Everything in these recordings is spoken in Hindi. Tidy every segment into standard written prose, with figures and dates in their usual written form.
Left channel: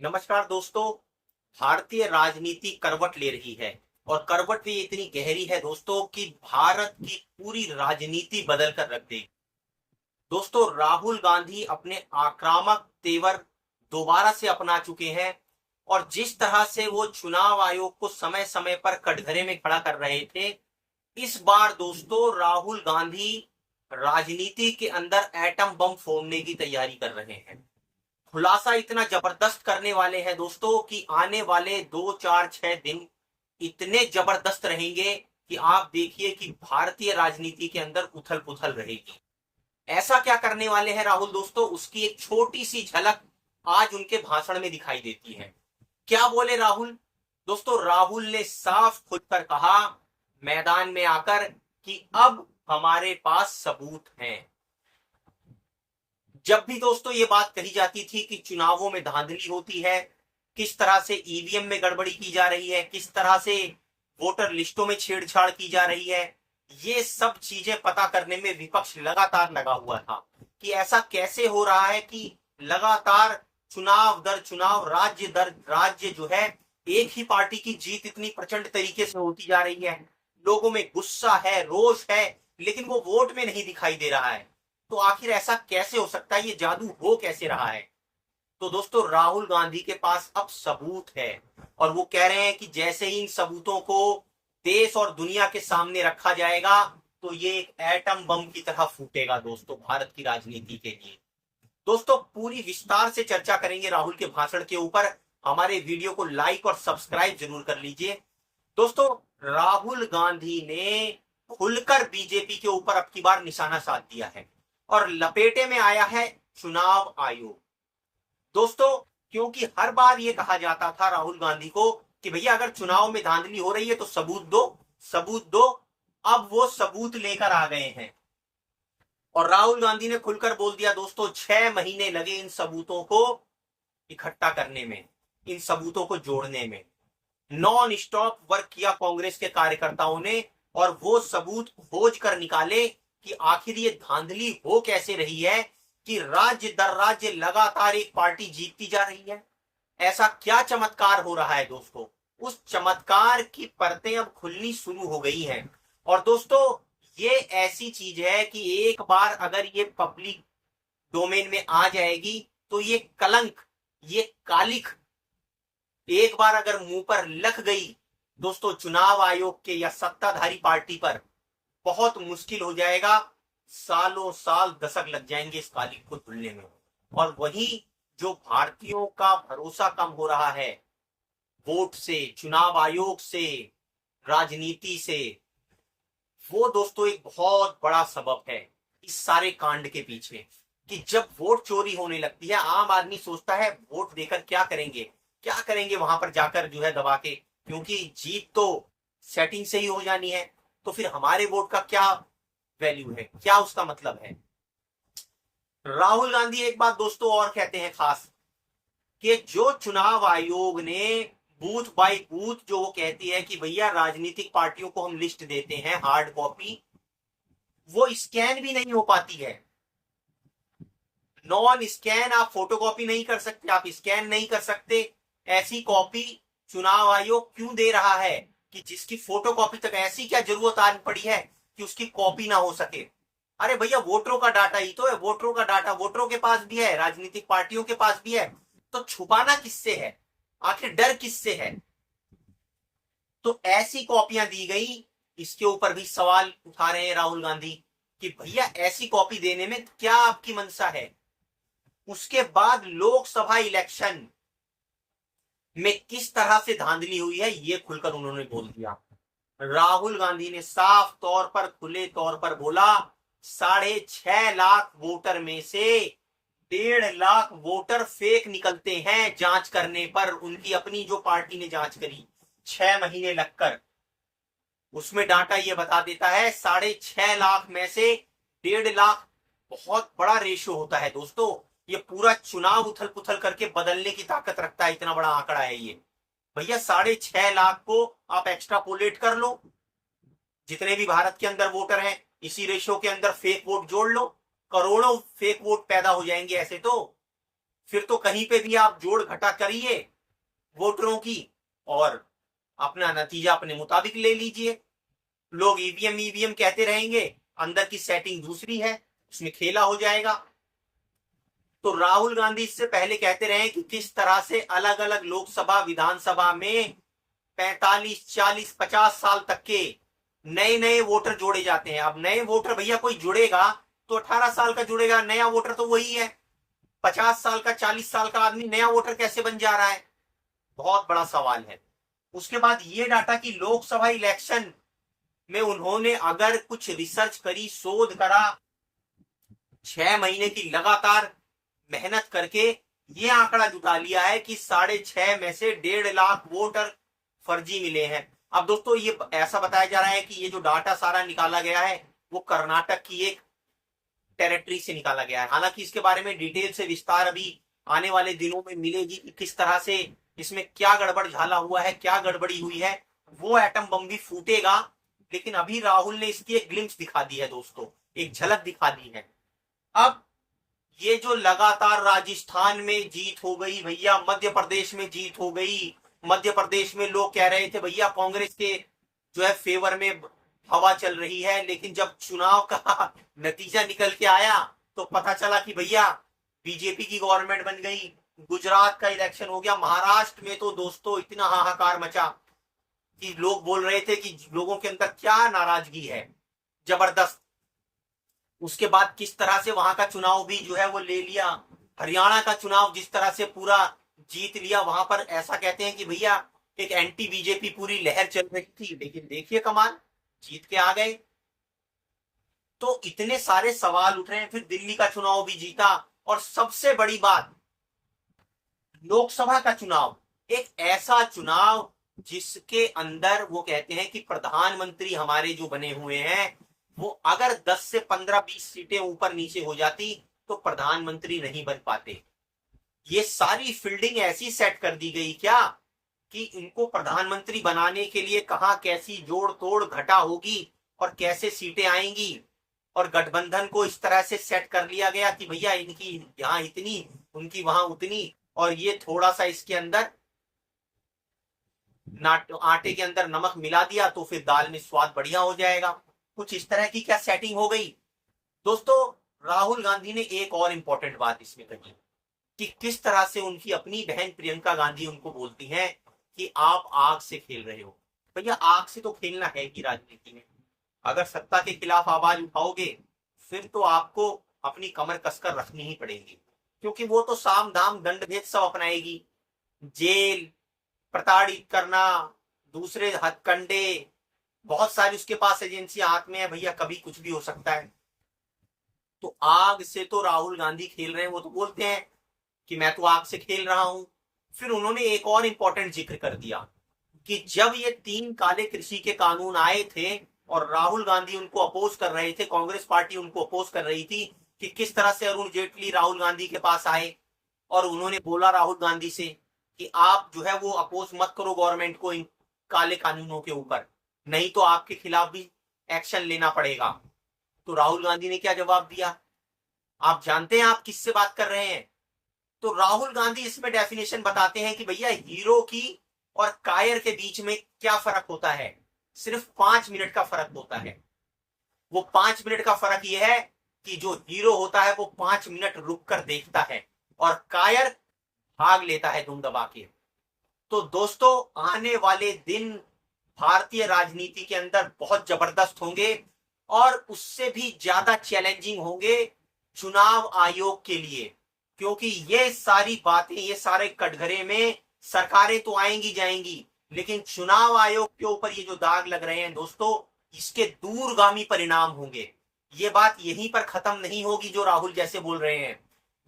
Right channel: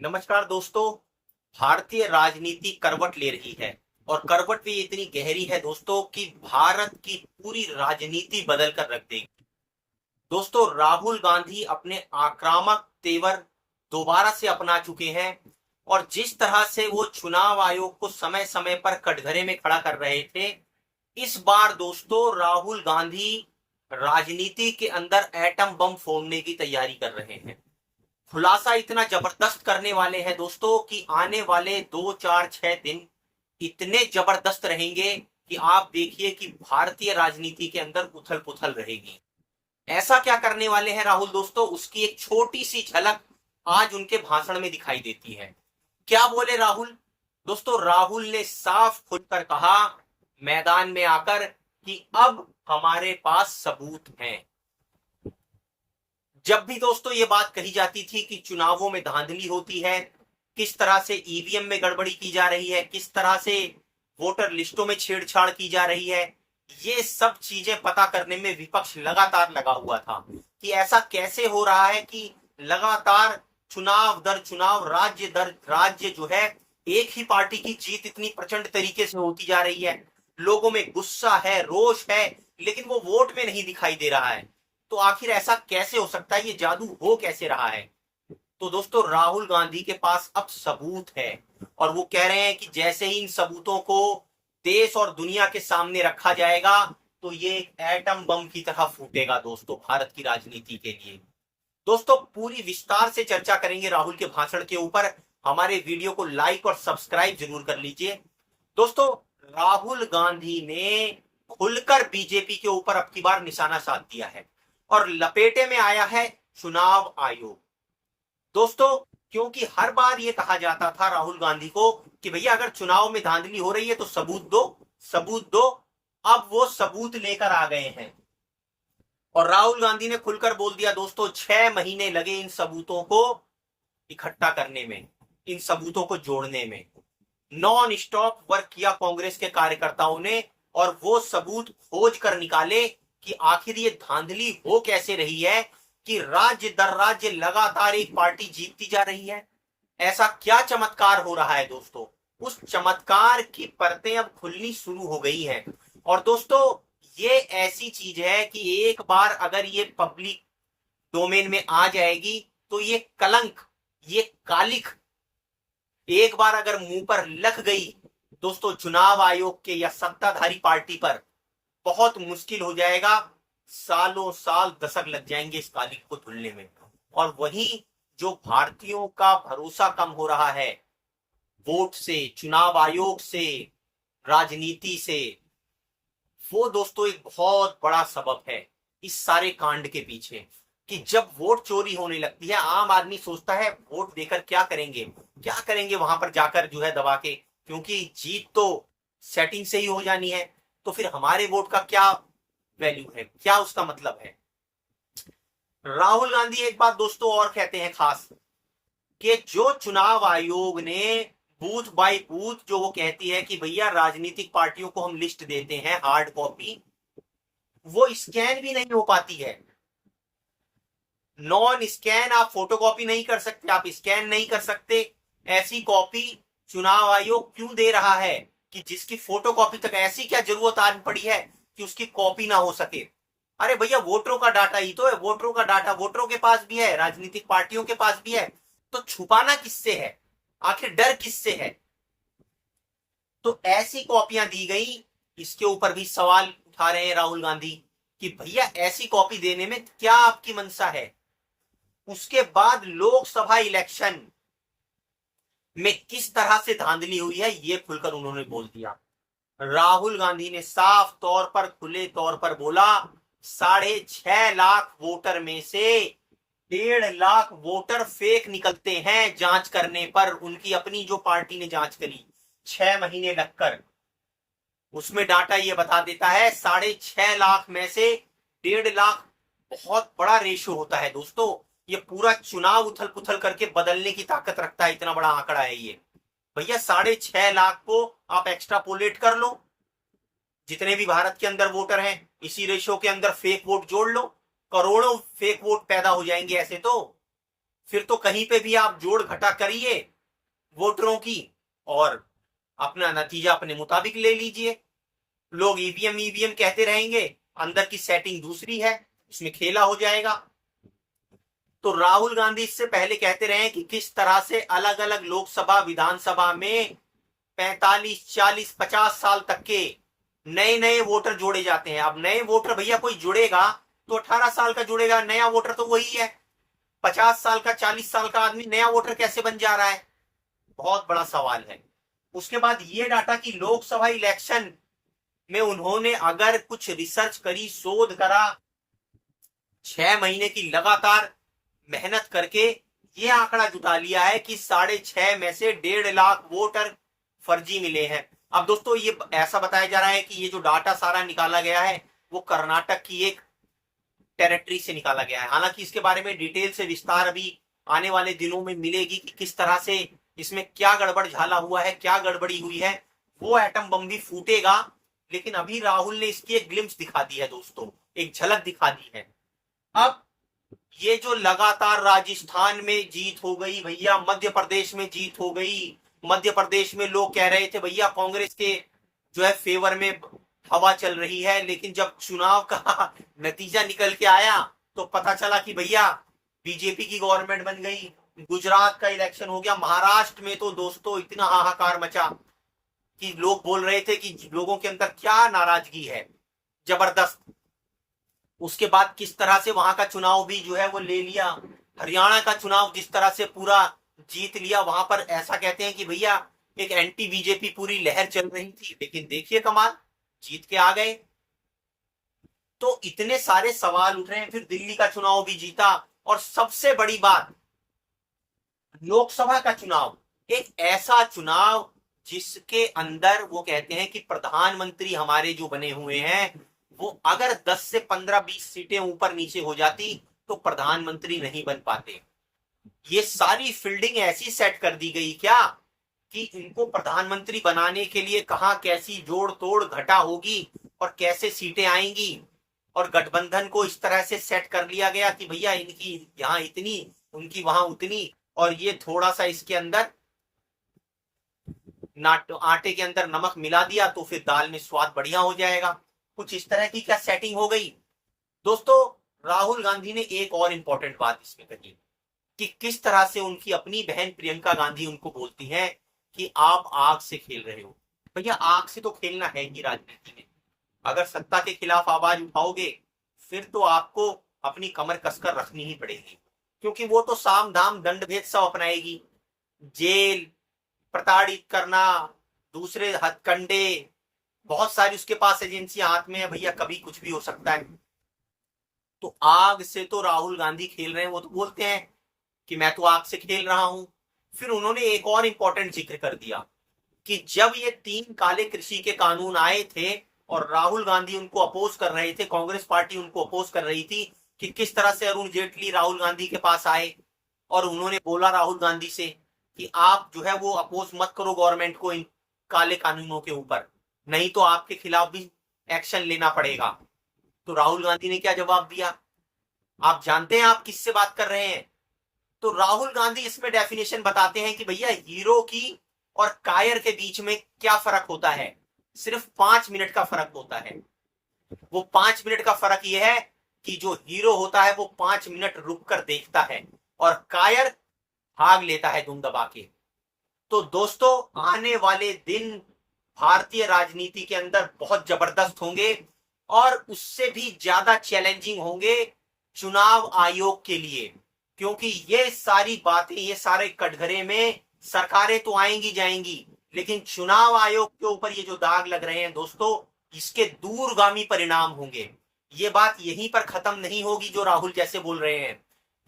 नमस्कार दोस्तों। भारतीय राजनीति करवट ले रही है और करवट भी इतनी गहरी है दोस्तों कि भारत की पूरी राजनीति बदल कर रख देगी। दोस्तों, राहुल गांधी अपने आक्रामक तेवर दोबारा से अपना चुके हैं और जिस तरह से वो चुनाव आयोग को समय समय पर कटघरे में खड़ा कर रहे थे, इस बार दोस्तों राहुल गांधी राजनीति के अंदर एटम बम फोड़ने की तैयारी कर रहे हैं। खुलासा इतना जबरदस्त करने वाले हैं दोस्तों कि आने वाले 2 4 6 दिन इतने जबरदस्त रहेंगे कि आप देखिए कि भारतीय राजनीति के अंदर उथल पुथल रहेगी। ऐसा क्या करने वाले हैं राहुल दोस्तों, उसकी एक छोटी सी झलक आज उनके भाषण में दिखाई देती है। क्या बोले राहुल दोस्तों? राहुल ने साफ खुलकर कहा मैदान में आकर कि अब हमारे पास सबूत हैं। जब भी दोस्तों ये बात कही जाती थी कि चुनावों में धांधली होती है, किस तरह से ईवीएम में गड़बड़ी की जा रही है, किस तरह से वोटर लिस्टों में छेड़छाड़ की जा रही है, ये सब चीजें पता करने में विपक्ष लगातार लगा हुआ था कि ऐसा कैसे हो रहा है कि लगातार चुनाव दर चुनाव, राज्य दर राज्य जो है, एक ही पार्टी की जीत इतनी प्रचंड तरीके से होती जा रही है। लोगों में गुस्सा है, रोष है, लेकिन वो वोट में नहीं दिखाई दे रहा है। तो आखिर ऐसा कैसे हो सकता है? ये जादू हो कैसे रहा है? तो दोस्तों राहुल गांधी के पास अब सबूत है और वो कह रहे हैं कि जैसे ही इन सबूतों को देश और दुनिया के सामने रखा जाएगा तो ये एक एटम बम की तरह फूटेगा दोस्तों भारत की राजनीति के लिए। दोस्तों पूरी विस्तार से चर्चा करेंगे राहुल के भाषण के ऊपर। हमारे वीडियो को लाइक और सब्सक्राइब जरूर कर लीजिए। दोस्तों, राहुल गांधी ने खुलकर बीजेपी के ऊपर अब की बार निशाना साध दिया है और लपेटे में आया है चुनाव आयोग। दोस्तों, क्योंकि हर बार यह कहा जाता था राहुल गांधी को कि भैया अगर चुनाव में धांधली हो रही है तो सबूत दो, सबूत दो। अब वो सबूत लेकर आ गए हैं और राहुल गांधी ने खुलकर बोल दिया दोस्तों, 6 महीने लगे इन सबूतों को इकट्ठा करने में, इन सबूतों को जोड़ने में। नॉन स्टॉप वर्क किया कांग्रेस के कार्यकर्ताओं ने और वो सबूत खोज कर निकाले कि आखिर ये धांधली हो कैसे रही है कि राज्य दर राज्य लगातार एक पार्टी जीतती जा रही है। ऐसा क्या चमत्कार हो रहा है दोस्तों? उस चमत्कार की परतें अब खुलनी शुरू हो गई हैं। और दोस्तों ये ऐसी चीज है कि एक बार अगर ये पब्लिक डोमेन में आ जाएगी तो ये कलंक, ये कालिख एक बार अगर मुंह पर लग गई दोस्तों चुनाव आयोग के या सत्ताधारी पार्टी पर, बहुत मुश्किल हो जाएगा। सालों साल, दशक लग जाएंगे इस कालिख को धुलने में। और वही जो भारतीयों का भरोसा कम हो रहा है वोट से, चुनाव आयोग से, राजनीति से, वो दोस्तों एक बहुत बड़ा सबब है इस सारे कांड के पीछे। कि जब वोट चोरी होने लगती है, आम आदमी सोचता है वोट देकर क्या करेंगे, क्या करेंगे वहां पर जाकर जो है दबा के, क्योंकि जीत तो सेटिंग से ही हो जानी है। तो फिर हमारे वोट का क्या वैल्यू है, क्या उसका मतलब है? राहुल गांधी एक बात दोस्तों और कहते हैं खास, कि जो चुनाव आयोग ने बूथ बाय बूथ, जो वो कहती है कि भैया राजनीतिक पार्टियों को हम लिस्ट देते हैं हार्ड कॉपी, वो स्कैन भी नहीं हो पाती है। नॉन स्कैन आप फोटोकॉपी नहीं कर सकते, आप स्कैन नहीं कर सकते। ऐसी कॉपी चुनाव आयोग क्यों दे रहा है कि जिसकी फोटोकॉपी तक, ऐसी क्या जरूरत आ पड़ी है कि उसकी कॉपी ना हो सके? अरे भैया वोटरों का डाटा ही तो है, वोटरों का डाटा वोटरों के पास भी है, राजनीतिक पार्टियों के पास भी है। तो छुपाना किससे है? आखिर डर किससे है? तो ऐसी कॉपियां दी गई, इसके ऊपर भी सवाल उठा रहे हैं राहुल गांधी कि भैया ऐसी कॉपी देने में क्या आपकी मंशा है? उसके बाद लोकसभा इलेक्शन में किस तरह से धांधली हुई है ये खुलकर उन्होंने बोल दिया। राहुल गांधी ने साफ तौर पर, खुले तौर पर बोला, 6.5 लाख वोटर में से 1.5 लाख वोटर फेक निकलते हैं जांच करने पर। उनकी अपनी जो पार्टी ने जांच करी 6 महीने लगकर, उसमें डाटा ये बता देता है 6.5 लाख में से 1.5 लाख बहुत बड़ा रेशियो होता है दोस्तों। ये पूरा चुनाव उथल पुथल करके बदलने की ताकत रखता है, इतना बड़ा आंकड़ा है ये। भैया 6.5 लाख को आप एक्स्ट्रापोलेट कर लो, जितने भी भारत के अंदर वोटर हैं इसी रेशियो के अंदर फेक वोट जोड़ लो, करोड़ों फेक वोट पैदा हो जाएंगे ऐसे तो। फिर तो कहीं पे भी आप जोड़ घटा करिए वोटरों की और अपना नतीजा अपने मुताबिक ले लीजिए। लोग ईवीएम ईवीएम कहते रहेंगे, अंदर की सेटिंग दूसरी है, इसमें खेला हो जाएगा। तो राहुल गांधी इससे पहले कहते रहे कि किस तरह से अलग अलग लोकसभा विधानसभा में 45 40 50 साल तक के नए नए वोटर जोड़े जाते हैं। अब नए वोटर भैया कोई जुड़ेगा तो 18 साल का जुड़ेगा, नया वोटर तो वही है। 50 साल का 40 साल का आदमी नया वोटर कैसे बन जा रहा है, बहुत बड़ा सवाल है। उसके बाद ये डाटा कि लोकसभा इलेक्शन में उन्होंने अगर कुछ रिसर्च करी, शोध करा, 6 महीने की लगातार मेहनत करके ये आंकड़ा जुटा लिया है कि 6.5 में से 1.5 लाख वोटर फर्जी मिले हैं। अब दोस्तों ये ऐसा बताया जा रहा है कि ये जो डाटा सारा निकाला गया है वो कर्नाटक की एक टेरिटरी से निकाला गया है। हालांकि इसके बारे में डिटेल से विस्तार अभी आने वाले दिनों में मिलेगी कि किस तरह से इसमें क्या गड़बड़ झाला हुआ है, क्या गड़बड़ी हुई है। वो एटम बम भी फूटेगा, लेकिन अभी राहुल ने इसकी एक ग्लिम्स दिखा दी है दोस्तों, एक झलक दिखा दी है। अब ये जो लगातार राजस्थान में जीत हो गई भैया, मध्य प्रदेश में जीत हो गई, मध्य प्रदेश में लोग कह रहे थे भैया कांग्रेस के जो है फेवर में हवा चल रही है, लेकिन जब चुनाव का नतीजा निकल के आया तो पता चला कि भैया बीजेपी की गवर्नमेंट बन गई। गुजरात का इलेक्शन हो गया, महाराष्ट्र में तो दोस्तों इतना हाहाकार मचा कि लोग बोल रहे थे कि लोगों के अंदर क्या नाराजगी है, जबरदस्त। उसके बाद किस तरह से वहां का चुनाव भी जो है वो ले लिया। हरियाणा का चुनाव जिस तरह से पूरा जीत लिया, वहां पर ऐसा कहते हैं कि भैया एक एंटी बीजेपी पूरी लहर चल रही थी, लेकिन देखिए कमाल, जीत के आ गए। तो इतने सारे सवाल उठ रहे हैं। फिर दिल्ली का चुनाव भी जीता, और सबसे बड़ी बात लोकसभा का चुनाव, एक ऐसा चुनाव जिसके अंदर वो कहते हैं कि प्रधानमंत्री हमारे जो बने हुए हैं वो अगर 10 से 15-20 सीटें ऊपर नीचे हो जाती तो प्रधानमंत्री नहीं बन पाते। ये सारी फील्डिंग ऐसी सेट कर दी गई क्या कि इनको प्रधानमंत्री बनाने के लिए कहां कैसी जोड़ तोड़ घटा होगी और कैसे सीटें आएंगी, और गठबंधन को इस तरह से सेट कर लिया गया कि भैया इनकी यहां इतनी, उनकी वहां उतनी, और ये थोड़ा सा इसके अंदर आटे के अंदर नमक मिला दिया तो फिर दाल में स्वाद बढ़िया हो जाएगा। कुछ इस तरह की क्या सेटिंग हो गई। दोस्तों राहुल गांधी ने एक और इंपॉर्टेंट बात इसमें कही कि किस तरह से उनकी अपनी बहन प्रियंका गांधी उनको बोलती हैं कि आप आग से खेल रहे हो। भैया आग से तो खेलना है ही राजनीति में। अगर सत्ता के खिलाफ आवाज उठाओगे फिर तो आपको अपनी कमर कसकर रखनी ही पड़ेगी, क्योंकि वो तो साम दाम दंड भेद सब अपनाएगी। जेल, प्रताड़ित करना, दूसरे हथकंडे, बहुत सारी उसके पास एजेंसियां हाथ में है भैया, कभी कुछ भी हो सकता है। तो आग से तो राहुल गांधी खेल रहे हैं, वो तो बोलते हैं कि मैं तो आग से खेल रहा हूं। फिर उन्होंने एक और इंपॉर्टेंट जिक्र कर दिया कि जब ये 3 काले कृषि के कानून आए थे और राहुल गांधी उनको अपोज कर रहे थे, कांग्रेस पार्टी उनको अपोज कर रही थी, कि किस तरह से अरुण जेटली राहुल गांधी के पास आए और उन्होंने बोला राहुल गांधी से कि आप जो है वो अपोज मत करो गवर्नमेंट को इन काले कानूनों के ऊपर, नहीं तो आपके खिलाफ भी एक्शन लेना पड़ेगा। तो राहुल गांधी ने क्या जवाब दिया, आप जानते हैं आप किससे बात कर रहे हैं। तो राहुल गांधी इसमें डेफिनेशन बताते हैं कि भैया हीरो की और कायर के बीच में क्या फर्क होता है, सिर्फ 5 मिनट का फर्क होता है। वो 5 मिनट का फर्क यह है कि जो हीरो होता है वो 5 मिनट रुक कर देखता है और कायर भाग लेता है धुन दबा के। तो दोस्तों आने वाले दिन भारतीय राजनीति के अंदर बहुत जबरदस्त होंगे और उससे भी ज्यादा चैलेंजिंग होंगे चुनाव आयोग के लिए, क्योंकि ये सारी बातें, ये सारे कटघरे में सरकारें तो आएंगी जाएंगी, लेकिन चुनाव आयोग के ऊपर ये जो दाग लग रहे हैं दोस्तों, इसके दूरगामी परिणाम होंगे। ये बात यहीं पर खत्म नहीं होगी जो राहुल जैसे बोल रहे हैं।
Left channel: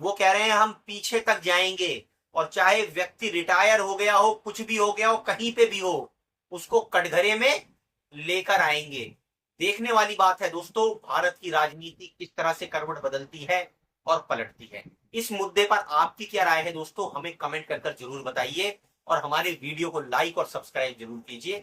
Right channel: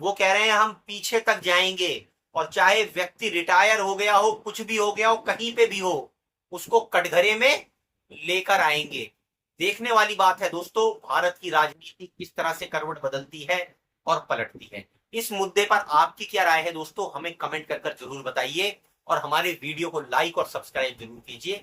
वो कह रहे हैं हम पीछे तक जाएंगे और चाहे व्यक्ति रिटायर हो गया हो, कुछ भी हो गया हो, कहीं पे भी हो, उसको कटघरे में लेकर आएंगे। देखने वाली बात है दोस्तों भारत की राजनीति किस तरह से करवट बदलती है और पलटती है। इस मुद्दे पर आपकी क्या राय है दोस्तों, हमें कमेंट कर जरूर बताइए और हमारे वीडियो को लाइक और सब्सक्राइब जरूर कीजिए।